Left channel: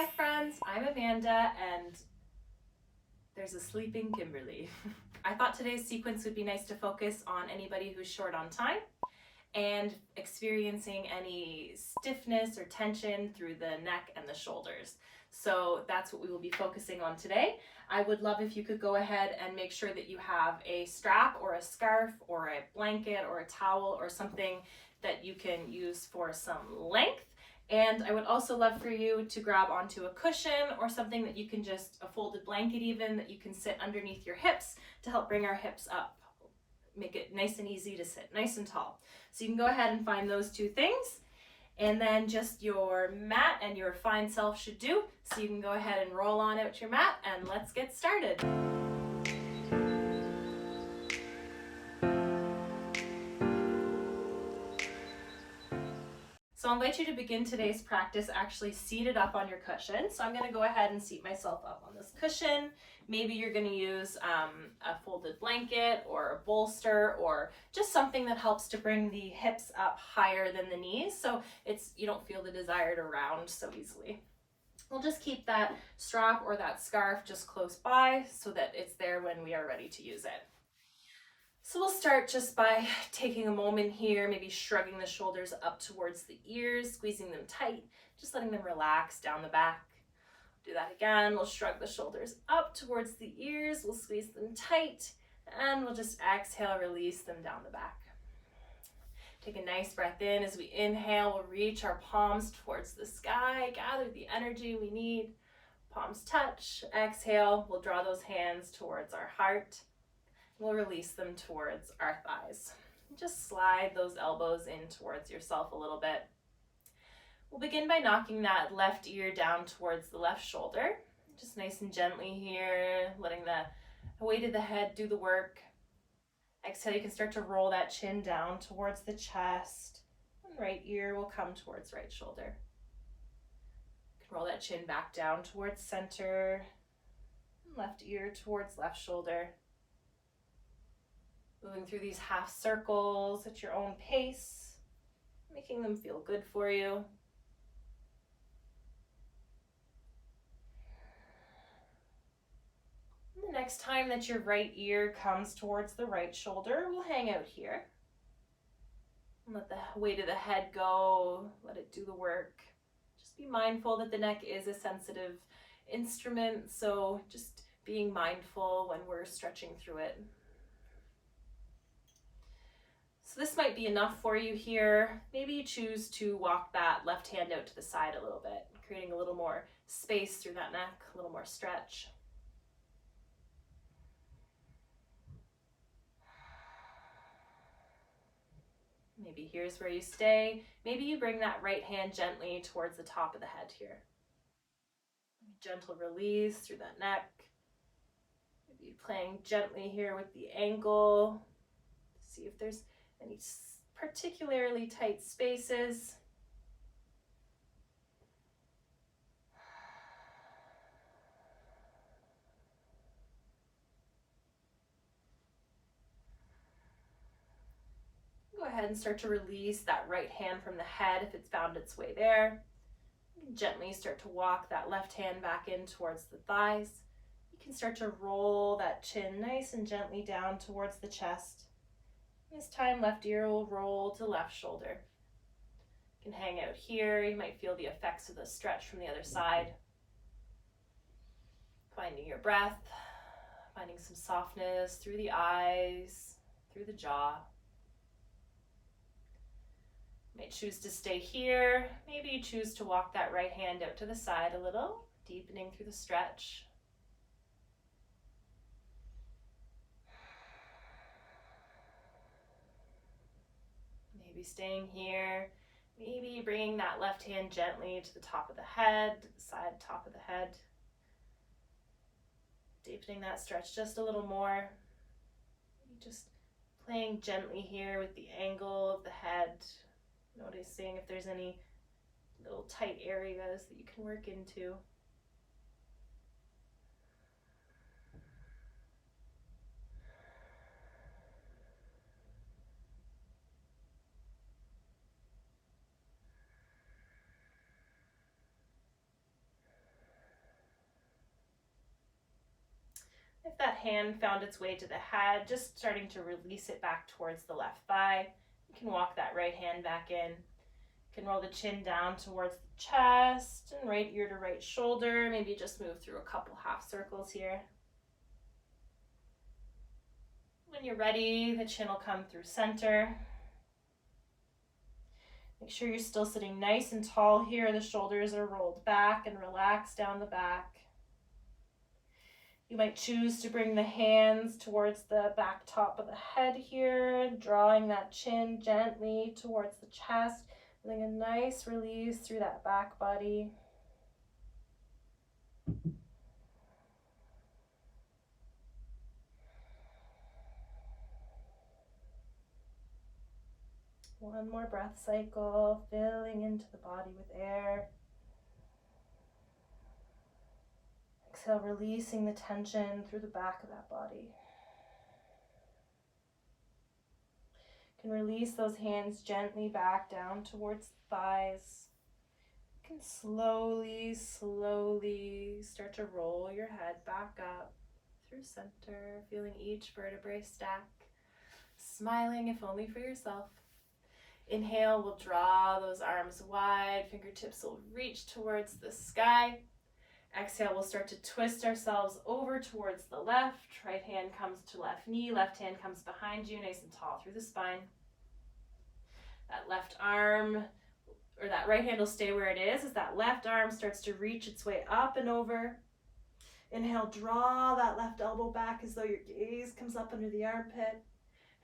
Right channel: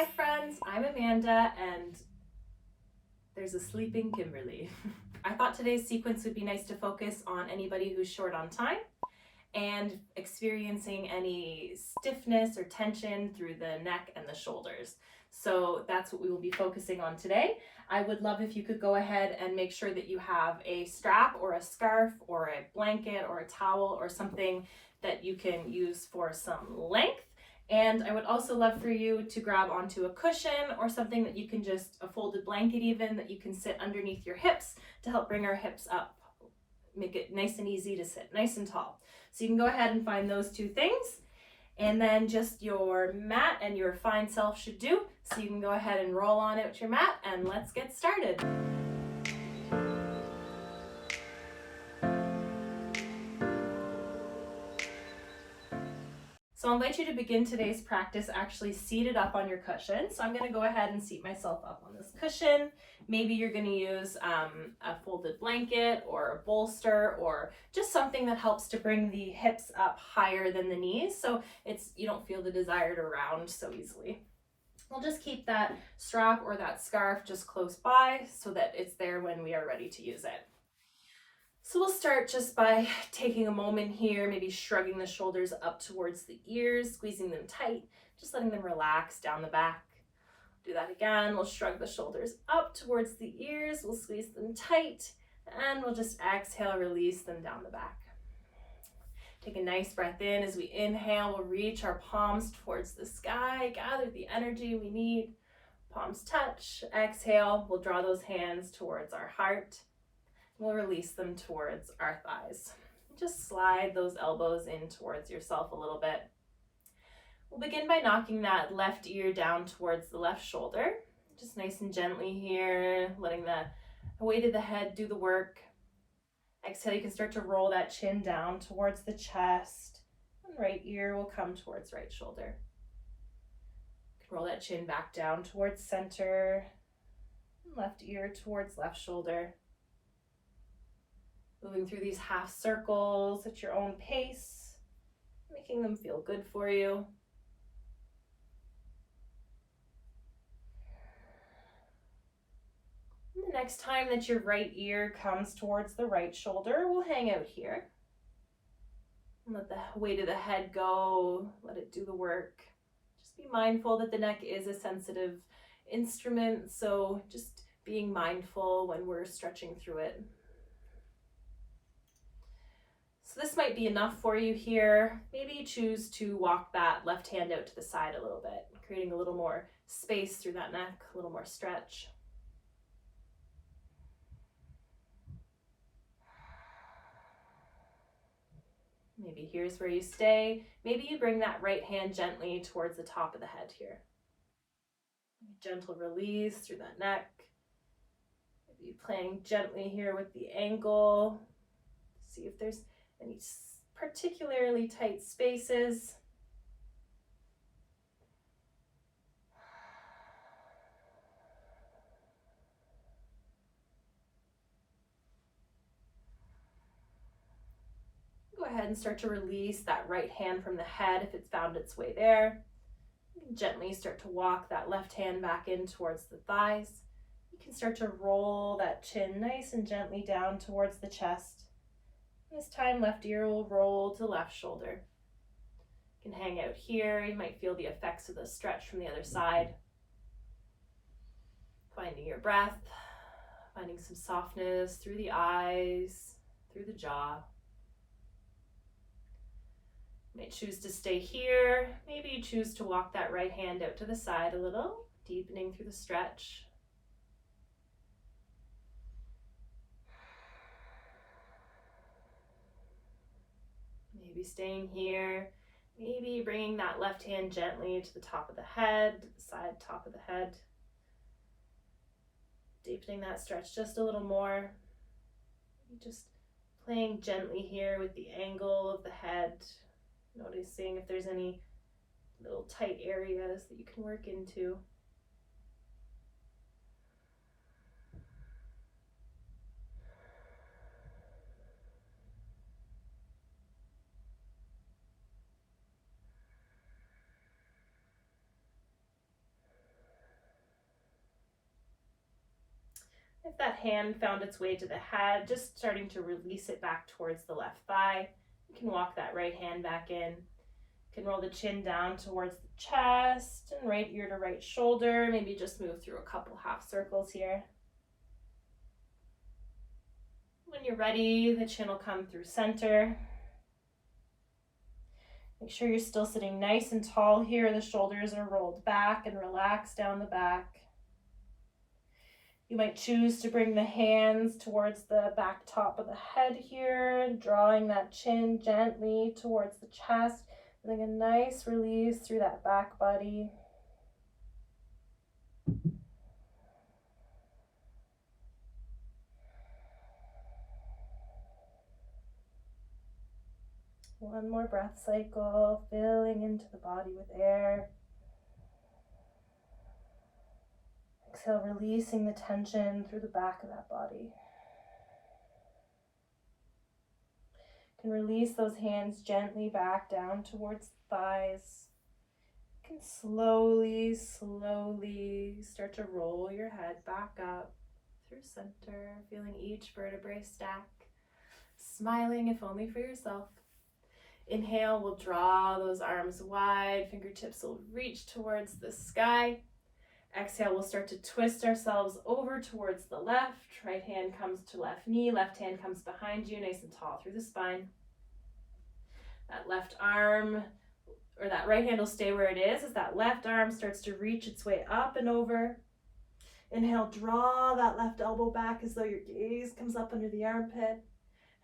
Hi friends, I'm Amanda and there's a sleeping Kimberly. I thought today's sequence would be nice to focus on anybody who's short on time and experiencing any stiffness or tension through the neck and the shoulders. So that's what we will be focusing on today. I would love if you could go ahead and make sure that you have a strap or a scarf or a blanket or a towel or something that you can use for some length. And I would also love for you to grab onto a cushion or something that you can just, a folded blanket even, that you can sit underneath your hips to help bring our hips up, make it nice and easy to sit, nice and tall. So you can go ahead and find those two things, and then just your mat and your fine self should do. So you can go ahead and roll on out your mat and let's get started. So I'll invite you to begin today's practice actually seated up on your cushion. So I'm going to go ahead and seat myself up on this cushion. Maybe you're going to use a folded blanket or a bolster or just something that helps to bring the hips up higher than the knees so you don't feel the desire to round so easily. We'll just keep that strap or that scarf just close by so that it's there when we are ready to use it. So we'll start just by taking a moment here, maybe shrugging the shoulders up towards the ears, squeezing them tight, just letting them relax down the back. Do that again. We'll shrug the shoulders up towards the ears, we'll squeeze them tight, and we'll just exhale, release them down the back. Take a nice breath in. As we inhale, we'll reach our palms towards the sky, gather the energy we need. Palms touch. Exhale, we'll draw those hands towards our heart. We'll release them towards our thighs. Just slide those elbows in towards yourself a little bit. We'll begin by knocking that left ear down towards the left shoulder. Just nice and gently here, letting the weight of the head do the work. Exhale, you can start to roll that chin down towards the chest. And right ear will come towards right shoulder. You can roll that chin back down towards center. Left ear towards left shoulder. Moving through these half circles at your own pace, making them feel good for you. And the next time that your right ear comes towards the right shoulder, we'll hang out here. And let the weight of the head go, let it do the work. Just be mindful that the neck is a sensitive instrument, so just being mindful when we're stretching through it. So this might be enough for you here. Maybe you choose to walk that left hand out to the side a little bit, creating a little more space through that neck, a little more stretch. Maybe here's where you stay. Maybe you bring that right hand gently towards the top of the head here. Gentle release through that neck. Maybe playing gently here with the ankle. See if there's any particularly tight spaces. Go ahead and start to release that right hand from the head if it's found its way there. You can gently start to walk that left hand back in towards the thighs. You can start to roll that chin nice and gently down towards the chest. This time, left ear will roll to left shoulder. You can hang out here. You might feel the effects of the stretch from the other side. Finding your breath, finding some softness through the eyes, through the jaw. You might choose to stay here. Maybe you choose to walk that right hand out to the side a little, deepening through the stretch. Maybe staying here, maybe bringing that left hand gently to the top of the head, side top of the head. Deepening that stretch just a little more. Just playing gently here with the angle of the head, noticing if there's any little tight areas that you can work into. If that hand found its way to the head, just starting to release it back towards the left thigh. You can walk that right hand back in. You can roll the chin down towards the chest and right ear to right shoulder. Maybe just move through a couple half circles here. When you're ready, the chin will come through center. Make sure you're still sitting nice and tall here. The shoulders are rolled back and relaxed down the back. You might choose to bring the hands towards the back top of the head here, drawing that chin gently towards the chest, feeling a nice release through that back body. One more breath cycle, filling into the body with air. Exhale, releasing the tension through the back of that body. You can release those hands gently back down towards the thighs. You can slowly start to roll your head back up through center, feeling each vertebrae stack, smiling if only for yourself. Inhale, we'll draw those arms wide, fingertips will reach towards the sky. Exhale, we'll start to twist ourselves over towards the left. Right hand comes to left knee, left hand comes behind you, nice and tall through the spine. That left arm, or that right hand will stay where it is as that left arm starts to reach its way up and over. Inhale, draw that left elbow back as though your gaze comes up under the armpit.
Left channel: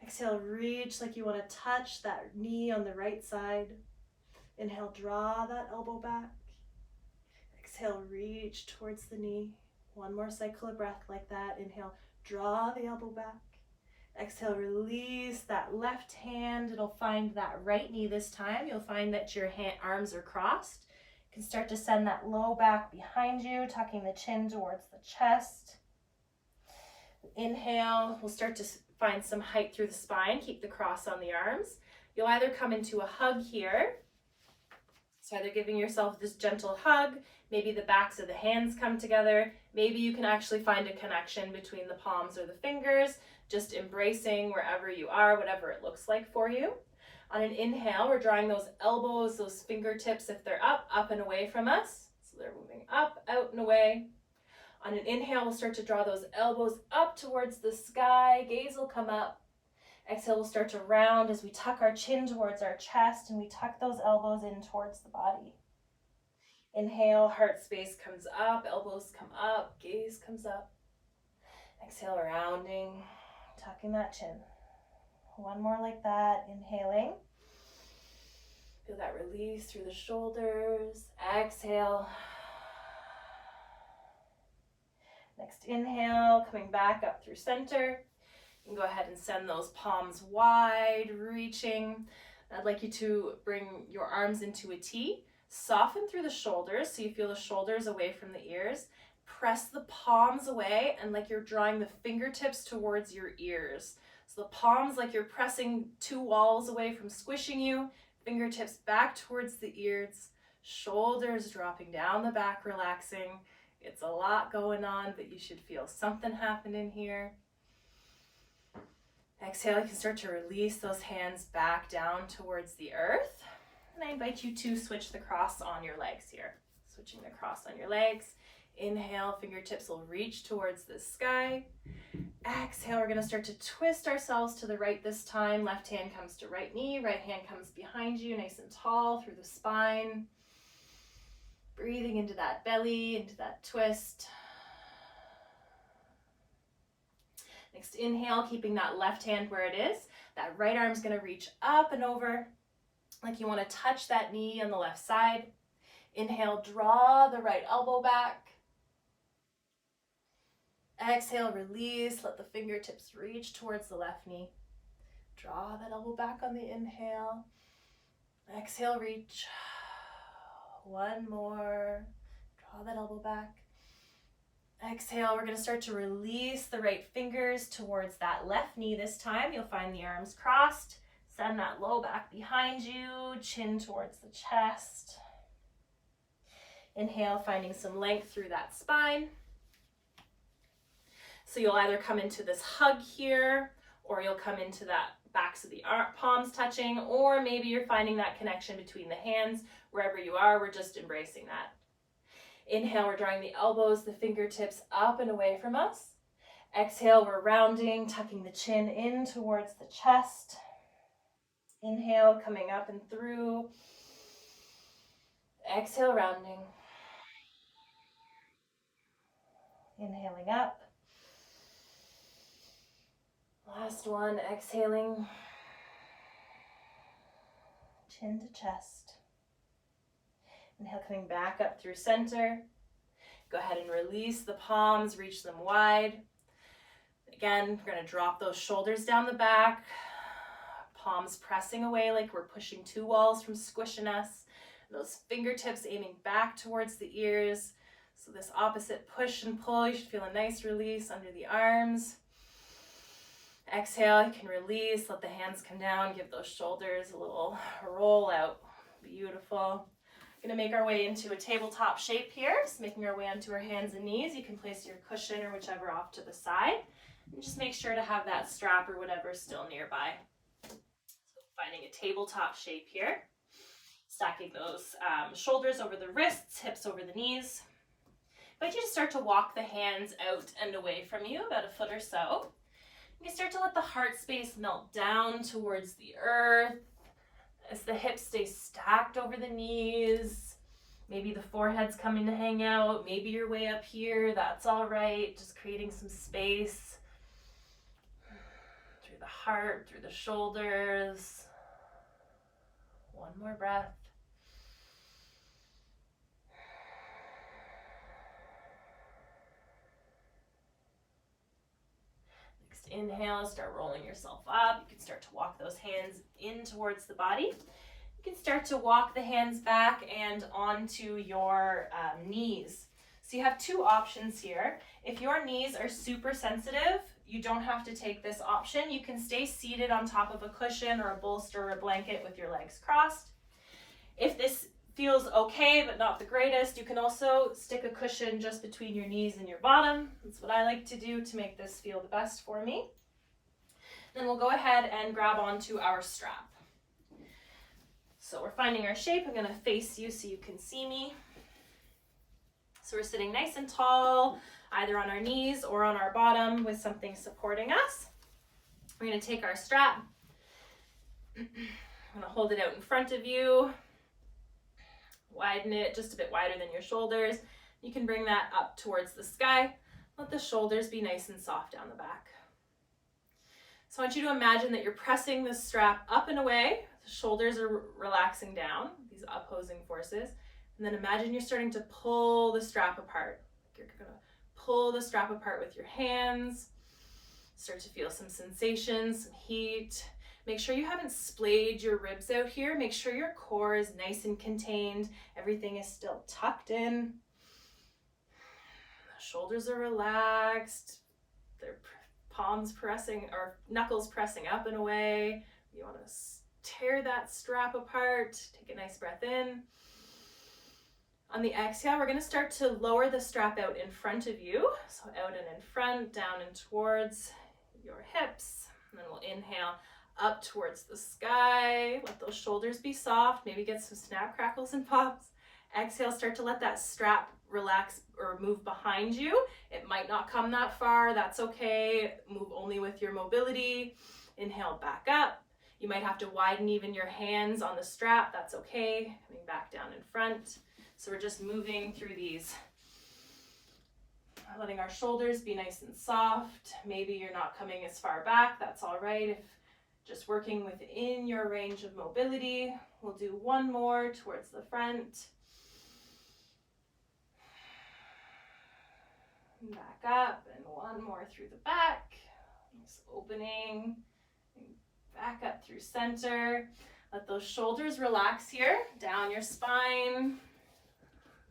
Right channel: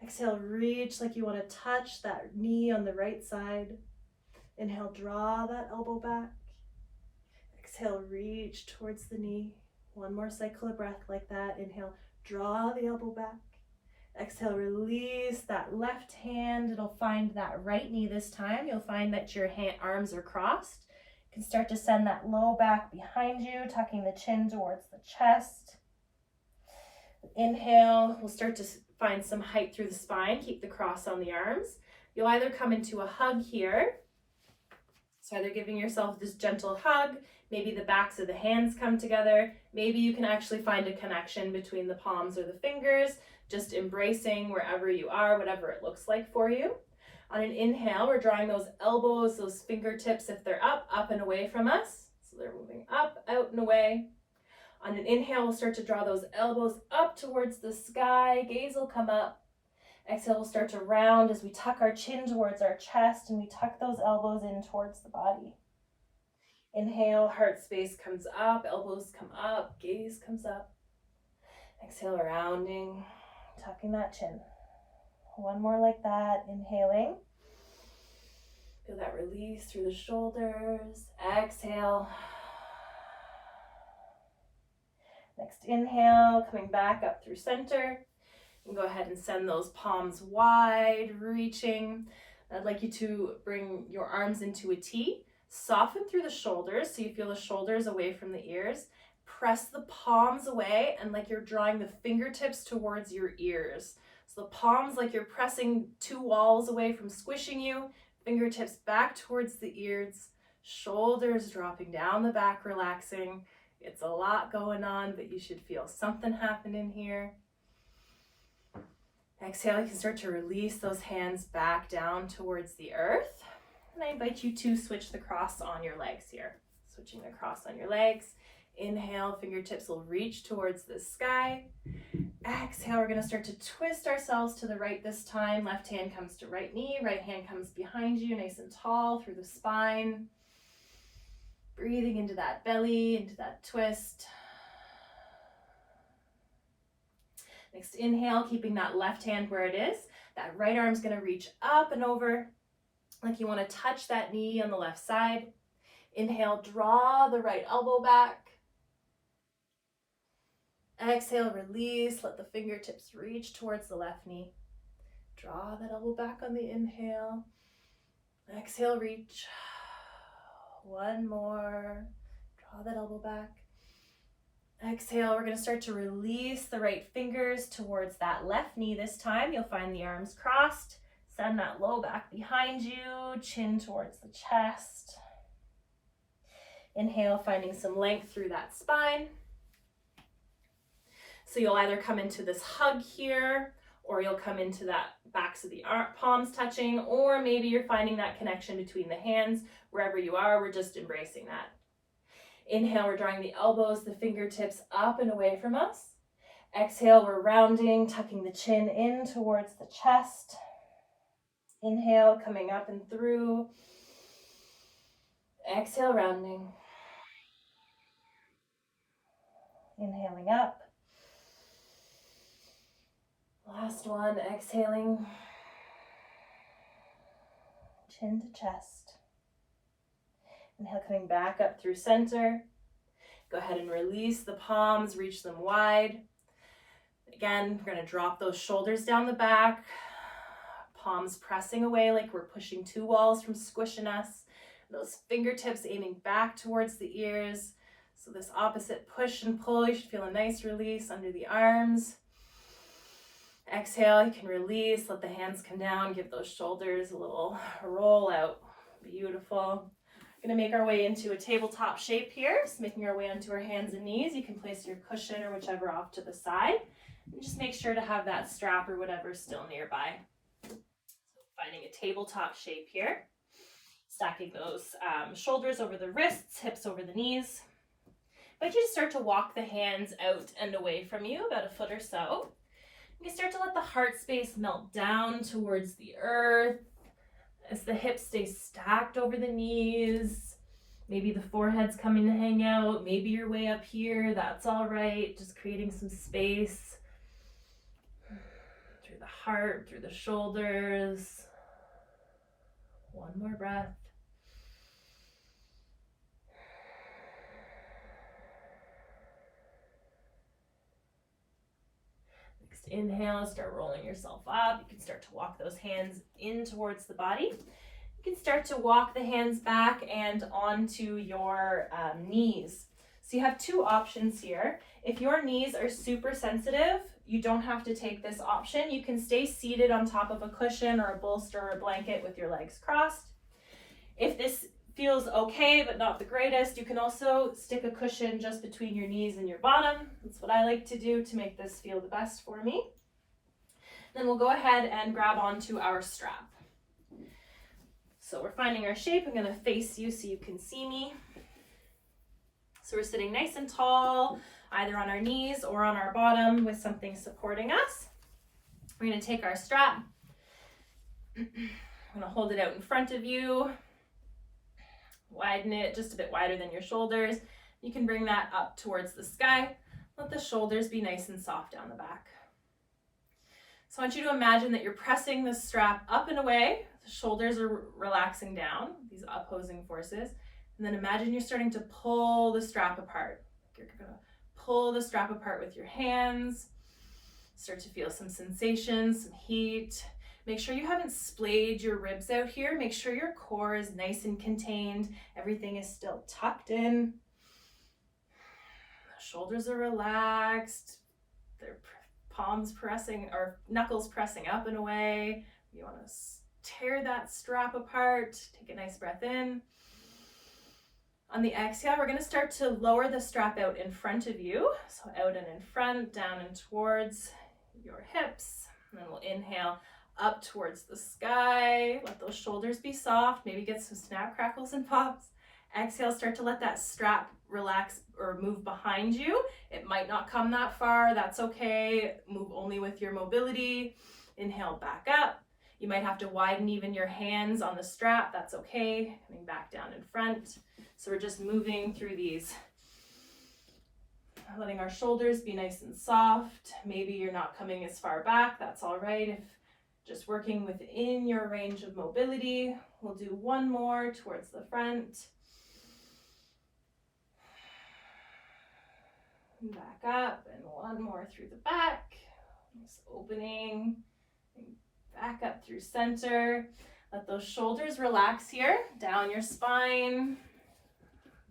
Exhale, reach like you want to touch that knee on the right side. Inhale, draw that elbow back. Exhale, reach towards the knee. One more cycle of breath like that. Inhale, draw the elbow back. Exhale, release that left hand. It'll find that right knee this time. You'll find that your arms are crossed. You can start to send that low back behind you, tucking the chin towards the chest. Inhale, we'll start to find some height through the spine. Keep the cross on the arms. You'll either come into a hug here. So either giving yourself this gentle hug, maybe the backs of the hands come together. Maybe you can actually find a connection between the palms or the fingers, just embracing wherever you are, whatever it looks like for you. On an inhale, we're drawing those elbows, those fingertips, if they're up and away from us. So they're moving up, out, and away. On an inhale, we'll start to draw those elbows up towards the sky. Gaze will come up. Exhale, we'll start to round as we tuck our chin towards our chest and we tuck those elbows in towards the body. Inhale, heart space comes up, elbows come up, gaze comes up. Exhale, rounding, tucking that chin. One more like that, inhaling. Feel that release through the shoulders. Exhale. Next inhale, coming back up through center. And go ahead and send those palms wide, reaching. I'd like you to bring your arms into a T. Soften through the shoulders so you feel the shoulders away from the ears. Press the palms away and like you're drawing the fingertips towards your ears. So the palms like you're pressing two walls away from squishing you. Fingertips back towards the ears. Shoulders dropping down the back, relaxing. It's a lot going on, but you should feel something happening here. Exhale, you can start to release those hands back down towards the earth. And I invite you to switch the cross on your legs here. Switching the cross on your legs. Inhale, fingertips will reach towards the sky. Exhale, we're going to start to twist ourselves to the right this time. Left hand comes to right knee, right hand comes behind you, nice and tall through the spine. Breathing into that belly, into that twist. Next inhale, keeping that left hand where it is. That right arm's going to reach up and over like you want to touch that knee on the left side. Inhale, draw the right elbow back. Exhale, release, let the fingertips reach towards the left knee. Draw that elbow back on the inhale. Exhale, reach. One more. Draw that elbow back. Exhale, we're going to start to release the right fingers towards that left knee this time. You'll find the arms crossed. Send that low back behind you, chin towards the chest. Inhale, finding some length through that spine. So you'll either come into this hug here, or you'll come into that backs of the palms touching, or maybe you're finding that connection between the hands. Wherever you are, we're just embracing that. Inhale, we're drawing the elbows, the fingertips up and away from us. Exhale, we're rounding, tucking the chin in towards the chest. Inhale, coming up and through. Exhale, rounding. Inhaling up. Last one, exhaling. Chin to chest. Inhale, coming back up through center. Go ahead and release the palms, reach them wide. Again, we're going to drop those shoulders down the back. Palms pressing away like we're pushing two walls from squishing us. Those fingertips aiming back towards the ears. So this opposite push and pull, you should feel a nice release under the arms. Exhale, you can release, let the hands come down, give those shoulders a little roll out. Beautiful. We're going to make our way into a tabletop shape here. So making our way onto our hands and knees. You can place your cushion or whichever off to the side. And just make sure to have that strap or whatever still nearby. So finding a tabletop shape here. Stacking those shoulders over the wrists, hips over the knees. But you just start to walk the hands out and away from you, about a foot or so. You start to let the heart space melt down towards the earth as the hips stay stacked over the knees. Maybe the forehead's coming to hang out. Maybe you're way up here. That's all right. Just creating some space through the heart, through the shoulders. One more breath. Next inhale, start rolling yourself up. You can start to walk those hands in towards the body. You can start to walk the hands back and onto your knees. So you have two options here. If your knees are super sensitive, you don't have to take this option. You can stay seated on top of a cushion or a bolster or a blanket with your legs crossed. If this feels okay but not the greatest, you can also stick a cushion just between your knees and your bottom. That's what I like to do to make this feel the best for me. Then we'll go ahead and grab onto our strap. So we're finding our shape. I'm going to face you so you can see me. So we're sitting nice and tall, either on our knees or on our bottom with something supporting us. We're going to take our strap. I'm going to hold it out in front of you. Widen it just a bit wider than your shoulders. You can bring that up towards the sky. Let the shoulders be nice and soft down the back. So I want you to imagine that you're pressing the strap up and away. The shoulders are relaxing down, these opposing forces. And then imagine you're starting to pull the strap apart. You're going to pull the strap apart with your hands. Start to feel some sensation, some heat. Make sure you haven't splayed your ribs out here. Make sure your core is nice and contained. Everything is still tucked in. The shoulders are relaxed. Their palms pressing, or knuckles pressing up and away. You want to tear that strap apart. Take a nice breath in. On the exhale, we're going to start to lower the strap out in front of you. So out and in front, down and towards your hips. And then we'll inhale up towards the sky. Let those shoulders be soft. Maybe get some snap, crackles, and pops. Exhale, start to let that strap relax or move behind you. It might not come that far. That's okay. Move only with your mobility. Inhale, back up. You might have to widen even your hands on the strap. That's okay. Coming back down in front. So we're just moving through these. Letting our shoulders be nice and soft. Maybe you're not coming as far back. That's all right. If just working within your range of mobility. We'll do one more towards the front. Back up, and one more through the back. Just opening, back up through center. Let those shoulders relax here, down your spine.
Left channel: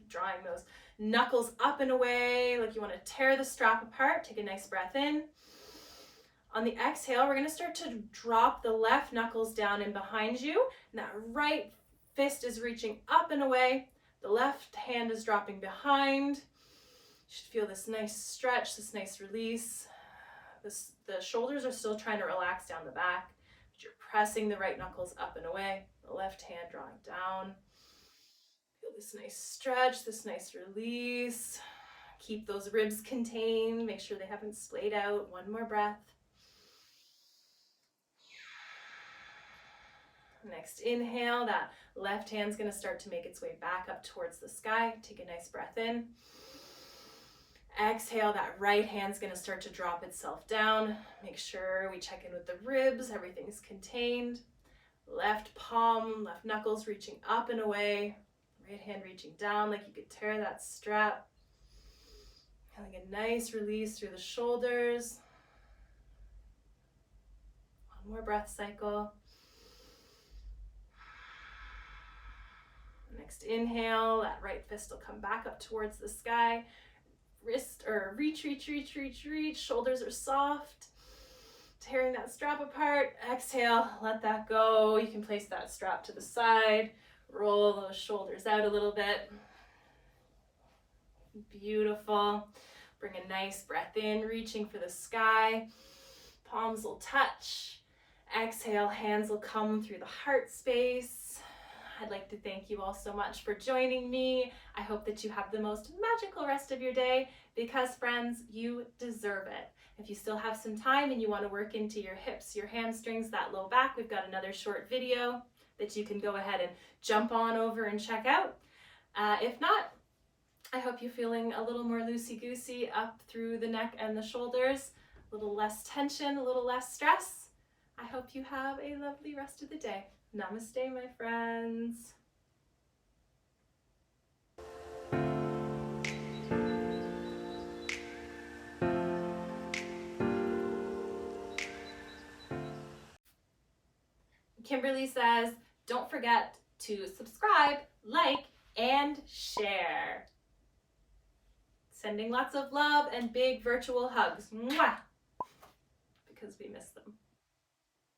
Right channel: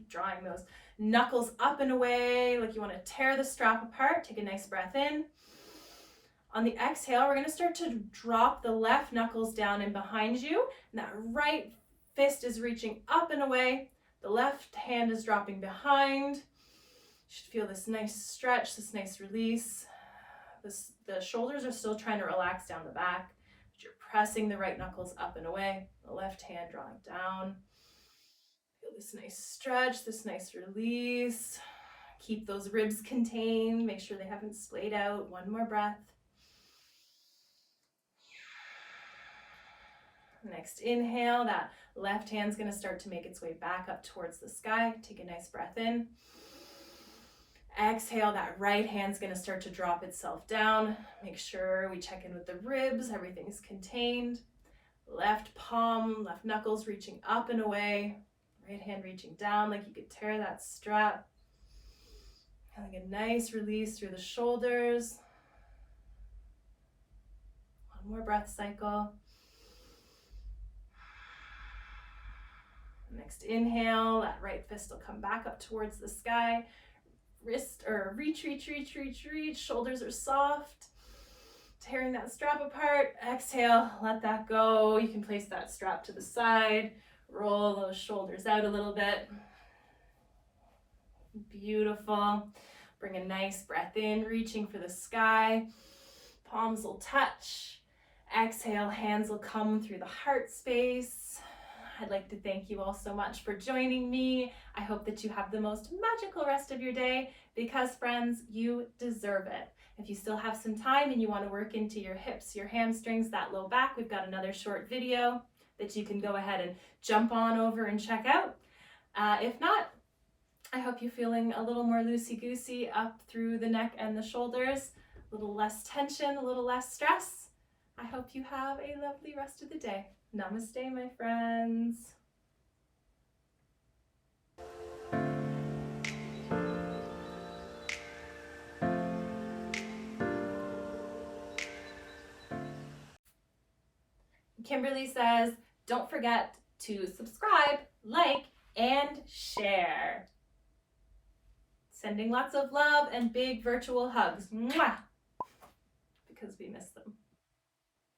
Drawing those knuckles up and away, like you want to tear the strap apart. Take a nice breath in. On the exhale, we're going to start to drop the left knuckles down and behind you. And that right fist is reaching up and away. The left hand is dropping behind. should feel this nice stretch, this nice release. The shoulders are still trying to relax down the back, but you're pressing the right knuckles up and away, the left hand drawing down. Feel this nice stretch, this nice release. Keep those ribs contained, make sure they haven't splayed out. One more breath. Next inhale, that left hand's gonna start to make its way back up towards the sky. Take a nice breath in. Exhale, that right hand's gonna start to drop itself down. Make sure we check in with the ribs, everything's contained. Left palm, left knuckles reaching up and away. Right hand reaching down like you could tear that strap. Feeling a nice release through the shoulders. One more breath cycle. Next inhale, that right fist will come back up towards the sky. Wrist or reach. Shoulders are soft. Tearing that strap apart. Exhale, let that go. You can place that strap to the side. Roll those shoulders out a little bit. Beautiful. Bring a nice breath in, reaching for the sky. Palms will touch. Exhale, hands will come through the heart space. I'd like to thank you all so much for joining me. I hope that you have the most magical rest of your day because, friends, you deserve it. If you still have some time and you want to work into your hips, your hamstrings, that low back, we've got another short video that you can go ahead and jump on over and check out. If not, I hope you're feeling a little more loosey-goosey up through the neck and the shoulders, a little less tension, a little less stress. I hope you have a lovely rest of the day. Namaste, my friends. Kimberly says, don't forget to subscribe, like, and share. Sending lots of love and big virtual hugs. Mwah! Because we miss them.